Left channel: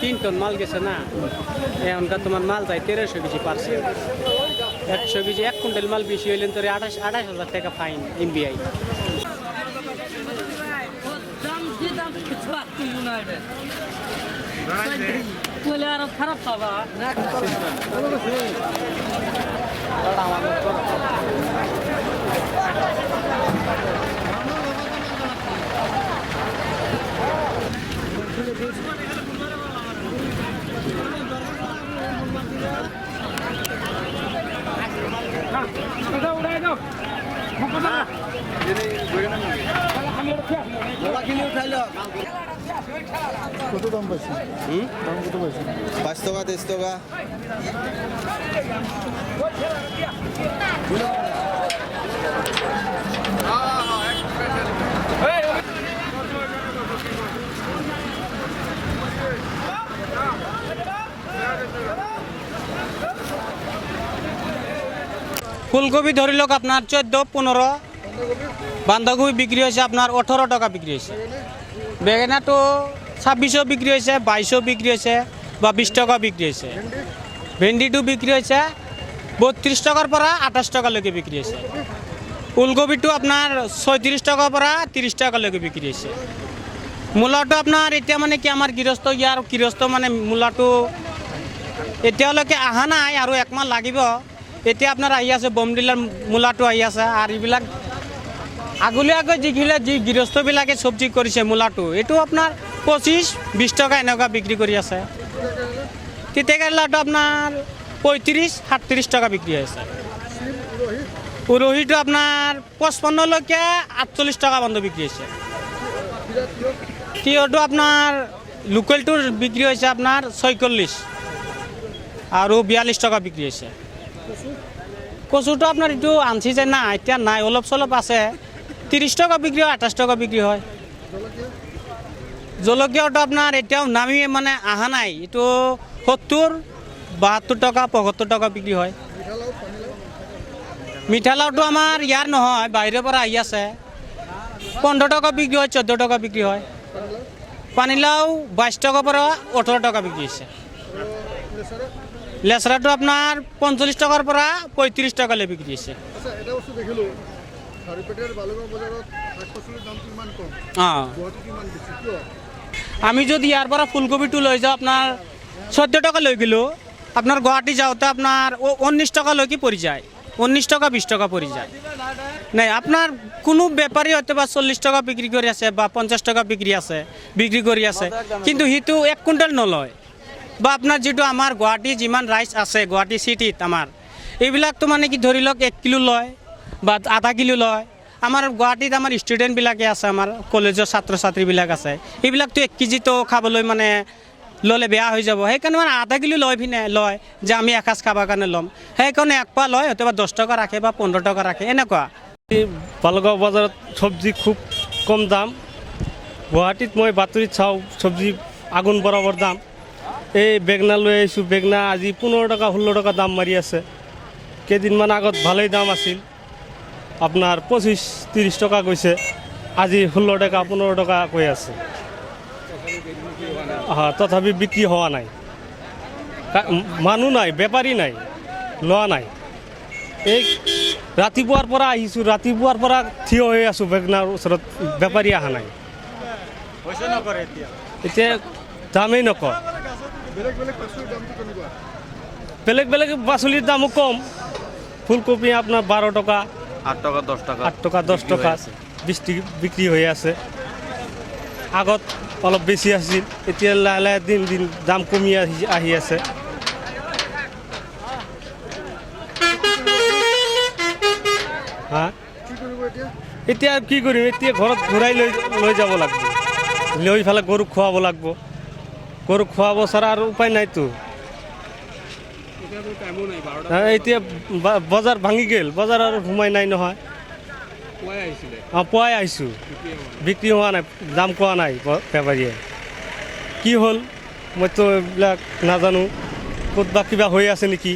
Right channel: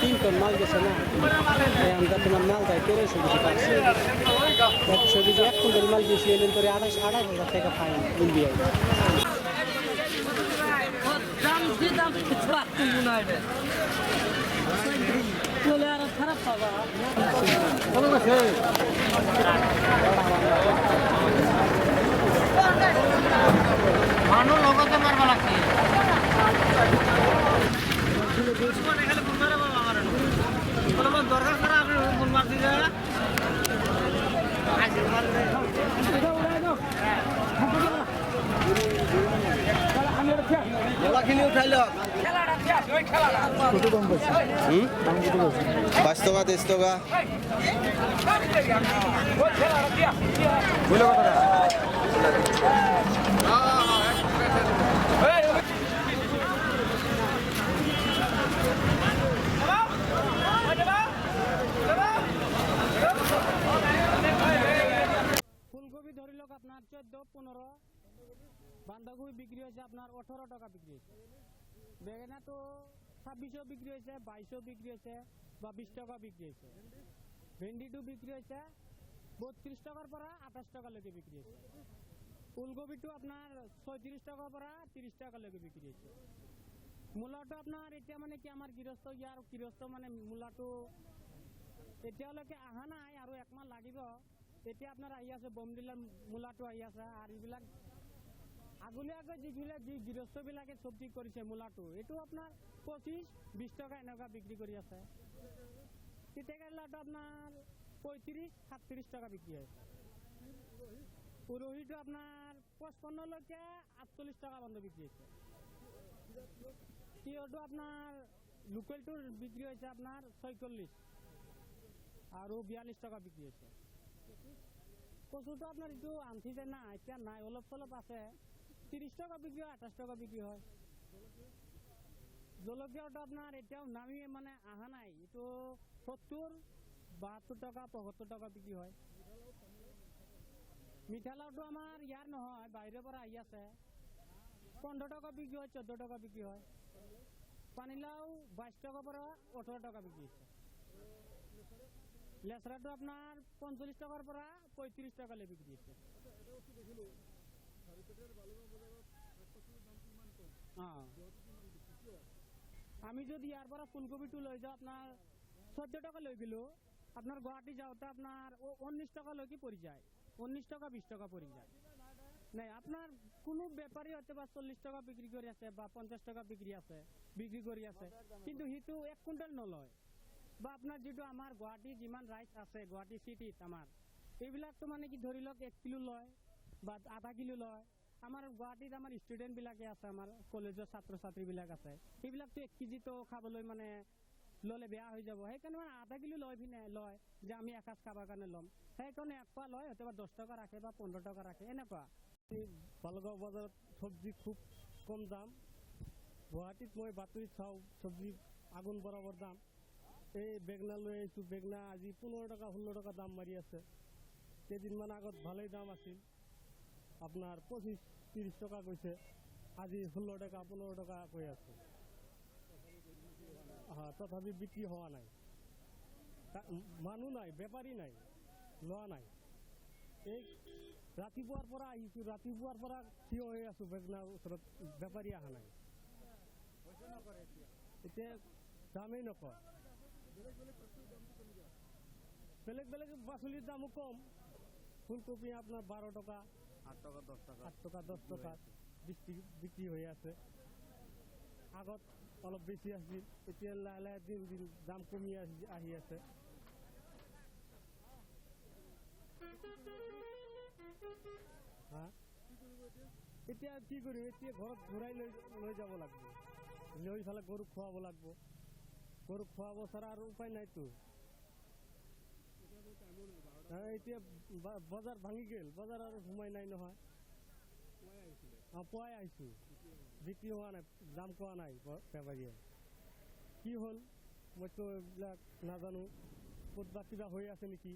3 ton মাল গেছে না এখনটা তোমার মাল যায় 1300 কেজি পারছে 100 কেজি 1 কুইন্টাল মাল বেশি হইলে তোরে 28,000 টাকা ফাইন এনবিআই আর খারাপ পাবা মানুষ লগতে মারবা লাগছে কত দাম পাইছে? দাম কত পাইছে? 5 টাকা 10 টাকা। ফুলকপি ধরিল আপনার 14-15, বাঁধাকপি বিক্রি হয়েছে আপনার 18 টাকা বিক্রি হয়েছে, বেগুনা তো 2600 বিক্রি হয়েছে, 2200 বিক্রি হয়েছে বা 20 টাকা বিক্রি হয়েছে, ভেন্ডিটো বিক্রি হয়েছে 32 টাকার পরা 28 টাকা লেগে বিক্রি হয়েছে, ফুলকপিটো আপনার 36 টাকার পরা 30 টাকা লেগে বিক্রি হয়েছে। মূলাটো আপনার এটা মানে কি আমার গৃহস্থ ইয়ার গৃহস্থ মানে মূলাটো এতিয়ালৈকে অহা নাই আৰু 1 মাহ লাগিব। এতিয়া আপোনাৰ আহি আছে বমডিলাৰ মূলাটো আহি আছে আৰু এইবিলাক আগলীয়াকৈ যি গৃহস্থবিলাকে চব্জি কৰিছে মূলাটো এইটো আপোনাৰ 25-20 টকা এনেকুৱা বিক্ৰী কৰি আছে। তিতাকেৰেলাটো আপোনাৰ 35-37 টকা বিক্ৰী হৈছে। উৰহীটো আপোনাৰ 55লৈকে 48 টকা বন্ধ বিক্ৰী হৈছে। তিয়হটো আপোনাৰ লোকেলটোৰ বিক্ৰী হৈছে আপোনাৰ 46 আৰু 42 টকা বিক্ৰী হৈছে। কচুটো আপোনাৰ এইটো আনছি যে না এতিয়া নাই, অলপ চলপ আছে 30 টাকা বিক্রি হয়, 28 টাকা বিক্রি হয়। জলকীয়াটো আপনার এটাও নামিয়ে মানে আহা নাই, এটো 70, 72 টাকা, 75 টাকা বিক্রি হয়। মিঠালাওটো আমার ইয়ার নহয়, বাইরের পৰা আহি আছে। 15 টাকা বিক্রি হয়, 14 টাকা বিক্রি হয়। পানীলাও 22 টাকার পৰা 18 টাকা বিক্রি হয়েছে। লেচরাটো আপনার 45 টাকার পৰা 35 টাকালে বিক্রি হয়েছে। আচ্ছা এটা বস্তু দেখিলো খাৰিপেটীয়াৰ বালুগাঁও বজাৰত শাক-পাচলিৰ দামটো ইমান কম, হ্যাঁ, গুৱাহাটীত ইমান বেছি কিয়? আমি যদি ইয়ার পৰা ফুলকপিটো লৈ যাওঁ আপনার 14 টাকা লৈ গেলো, আপনার গুৱাহাটী যাওঁতে আপনার 19 টাকা লৈকে পড়ি যায়, 19 টাকা 20 টাকা পড়ি যায়। নাই আপনার কোনো ব্যাপারী হয়তো বা 40 টাকা বিক্রি করে আছে বা 50 টাকা বিক্রি করে আছে, কিন্তু সিটো 1 কুইণ্টেল নলয়। বা আপনার যেটো আমার গুৱাহাটী যিমান রাইস আছে গুৱাহাটী সিটিত আমার, এইবিলাকতো মানে কি ধৰি লওক 1 কিলো লয় বা আধা কিলো লয়। আমার গুৱাহাটীত আমার ষ্টুডেণ্টবিলাকে আছে, আমার কলেজৰ ছাত্ৰ ছাত্ৰীবিলাক আছে, এইবিলাকতো 1 কেজিতো খাবলৈ মানে ল'লে বেয়া হৈ যাব, সেইকাৰণে মানে আধা কিলো লয় যে আমি এসাঁজ খাবৰ কাৰণে ল'ম, সেইকাৰণে 1 পোৱা লয়, হয়তো বা 10 টাকা ৰাখে বা 15 টাকা ৰাখে এনেকুৱা। বালুগাঁও বজাৰত চব্জি খুব কম দাম। গুৱাহাটীত মই বাতৰিত চাওঁ চব্জি আগুন বৰাবৰ দাম। এই বেগনা লৈ আহিছোঁ, বেগনা আজি 15 টাকা 16 টাকা দাম মাৰি আছে। কেইদিনমান আগত ভালেই দাম আছিল, আপোনাৰ 25-30 টকা গৈছে, আজি 16 টাকা 15 টকা কৈ আছে। তথাপি বিক্ৰী হোৱা নাই, মানুহ নাই, বেপাৰী নাই, লোৱা নাই। এই ৰাতিপুৱাৰ পৰা আহিছোঁ, ৰাতিপুৱাৰ পৰা থিয় হৈ আছোঁ বেগনাৰ ওচৰত, বেপাৰী অহা নাই। এতিয়া দামেই নকয়। বেলেগ বেলেগ পাচলিৰ দামটো কেনেকুৱা? বেলেগ বেলেগ পাচলিৰ দামো কম। ফুলকবি আপোনাৰ 12 টাকা, 8 টাকা 10 টাকা 8 টাকা 10 টাকা 20 টাকা বিক্ৰী হৈ আছে। আগত অলপ বেছি আছিল, এতিয়া লাহে লাহে দিন দিন দাম কমি আহি আছে। হা কি কৰিব এতিয়া? এতিয়া কি কৰিম, এতিয়া ঘৰত ঘূৰাই লৈ যাব লাগিব, লৈ ফালে গৰুক খুৱাব লাগিব, গৰুক খুৱাব ছাড়া আৰু উপায় নাইতো। এতিয়া বজাৰ ভাঙি গ'ল, বজাৰ আৰু সোমাই নাই নহয়। পুৱাই আহিছোঁ, বিক্ৰী হোৱা নাই, দাম কোৱা নাই বেপাৰীয়ে। কি হ'ল মইতো এইবিলাক নাজানো, ক'ত বা কিবা হৈ আছে নেকি।